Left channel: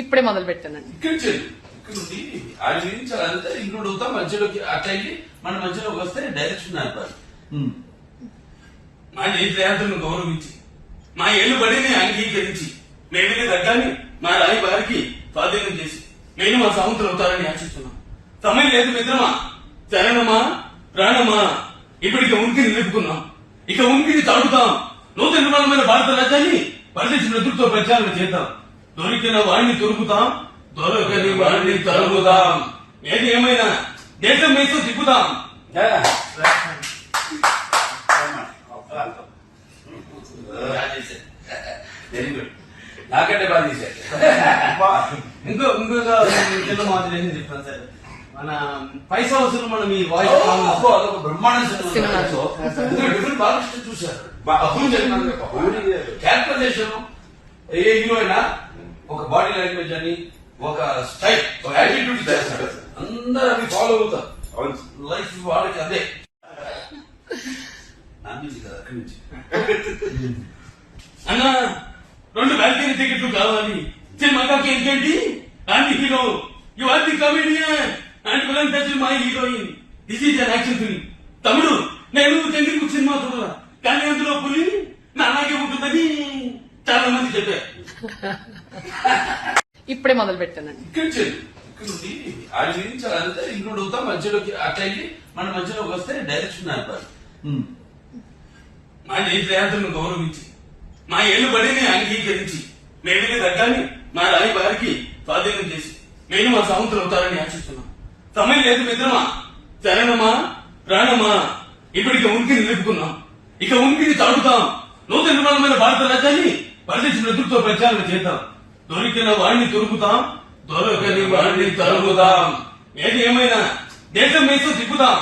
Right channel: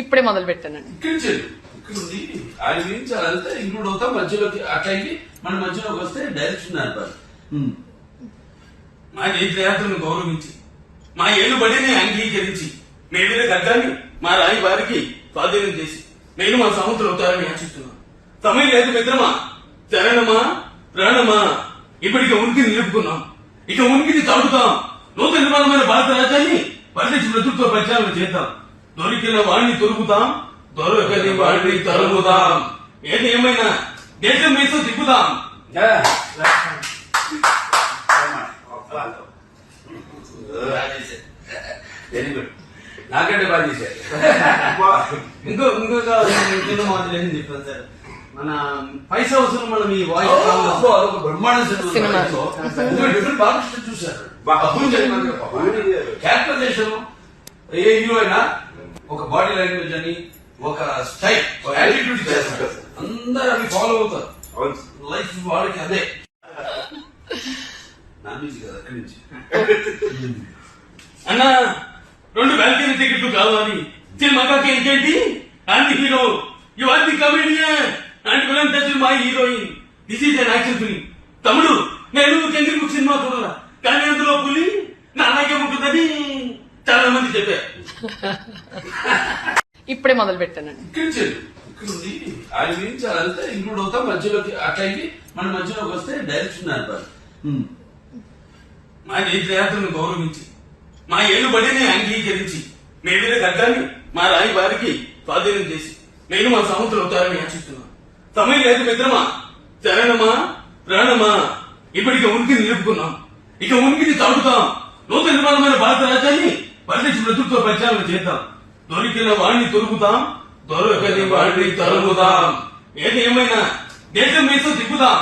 ఇప్పుడే మొదలు పెట్టానండి. ఇక్కడ చేయండి. ఇక్కడ ఉంది ఆయన గురించి అదంతా ఇంక్లూడ్ అవుతాం మధ్యలోకి అట్లా వెళ్ళి మన మధ్యలోకి వస్తే డైరెక్షన్ నడిపారు. మా నేత్రయాత్రను గౌరవించి మా ఏలుబడిని అంగీకరించి మేలుల ఖడ్గాన్ని మా రాయి వారికి స్వాధీనం చేసి నేను మా సముద్రం అవుతారని ఆశిస్తున్నాను. సమయం లేదు మిత్రమా, చరణమా, ప్రాణమా, ఇప్పటికి ఉనికిని నిలుపుకున్నాం, ఇక ఉనికిని చాటుతాం. నూతన నిర్మాణమైన భారత రాజ్యాన్ని పరిదేశ నేతృత్వ ప్రచారం చేద్దాం. దొరికిన వాడిని దొరుకుతాం, దొరకని వాడిని తరుగుదాం. ఏది ఏమైనా దేశం వేసు తిప్పుదాం. వెరీ గుడ్, నాకంటే బాగా చేశారు. ఇంకొక చిన్న మాదిరి ఏం చెప్తాను సార్, మన పైసా వసూలు మనం ఈ వాయిస్ అదొక బ్రహ్మాండ సినిమా. డిఫరెంట్ బాగా చూశారు. క్యారెక్టరైజేషన్ ఏ హీరో అయినా ఒక బాడీ లాంగ్వేజ్ అని ఒక స్టైల్ యాటిట్యూడ్ చేస్తాడు, అందరూ అవి ఫాలో అవుతారు. లైఫ్ వాళ్ళకి అదే నామించి కదా అక్కడి నుంచి. అన్నా 2 బాల్కనీ టికెట్లు కావాలి సినిమాకి. ఏంటంటి and hero you are the comedian and villain touch my heroine. This is an action film. తమ్ముడు నేను చంద్రముఖి సినిమా చూడాల, కానీ అందులో పులి నా అలాగే ఉంటుందని చాలా మంది చెప్పారు. ఇప్పుడే మొదలు పెట్టానండి. ఇక్కడ చేయండి. ఇక్కడ ఉంది ఆయన గురించి అదంతా ఇంక్లూడ్ అవుతాం మధ్యలోకి అట్లా వెళ్ళి మన మధ్యలోకి వస్తే డైరెక్షన్ నడిపారు. మా నేత్రయాత్రను గౌరవించి మా ఏలుబడిని అంగీకరించి మేలుల ఖడ్గాన్ని మా రాయి వారికి స్వాధీనం చేసి నేను మా సముద్రం అవుతారని ఆశిస్తున్నాను. సమయం లేదు మిత్రమా, చరణమా, ప్రాణమా, ఇప్పటికి ఉనికిని నిలుపుకున్నాం, ఇక ఉనికిని చాటుతాం. నూతన నిర్మాణమైన భారత రాజ్యాన్ని పరిదేశ నేతృత్వ ప్రచారం చేద్దాం. దొరికిన వాడిని దొరుకుతాం, దొరకని వాడిని తరుగుదాం. ఏది ఏమైనా దేశం వేసు తిప్పుదాం.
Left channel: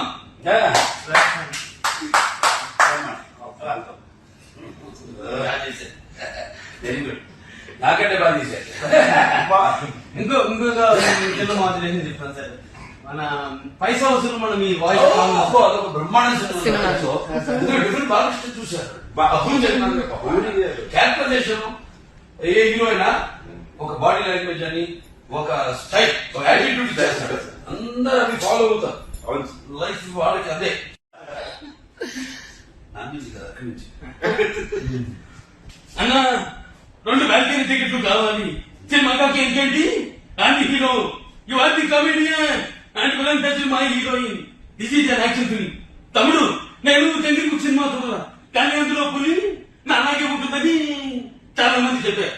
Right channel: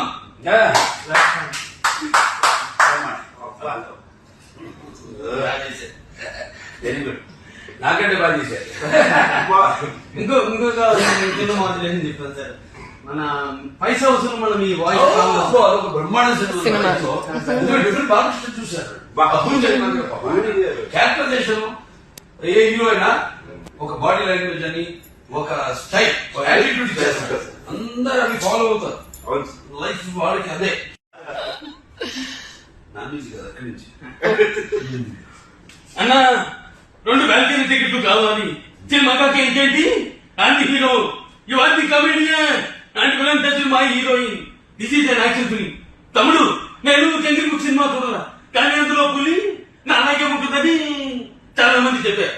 వెరీ గుడ్, నాకంటే బాగా చేశారు. ఇంకొక చిన్న మాదిరి ఏం చెప్తాను సార్, మన పైసా వసూలు మనం ఈ వాయిస్ అదొక బ్రహ్మాండ సినిమా. డిఫరెంట్ బాగా చూశారు. క్యారెక్టరైజేషన్ ఏ హీరో అయినా ఒక బాడీ లాంగ్వేజ్ అని ఒక స్టైల్ యాటిట్యూడ్ చేస్తాడు, అందరూ అవి ఫాలో అవుతారు. లైఫ్ వాళ్ళకి అదే నామించి కదా అక్కడి నుంచి. అన్నా 2 బాల్కనీ టికెట్లు కావాలి సినిమాకి. ఏంటంటి and hero you are the comedian and villain touch my heroine. This is an action film. తమ్ముడు నేను చంద్రముఖి సినిమా చూడాల, కానీ అందులో పులి నా అలాగే ఉంటుందని చాలా మంది చెప్పారు.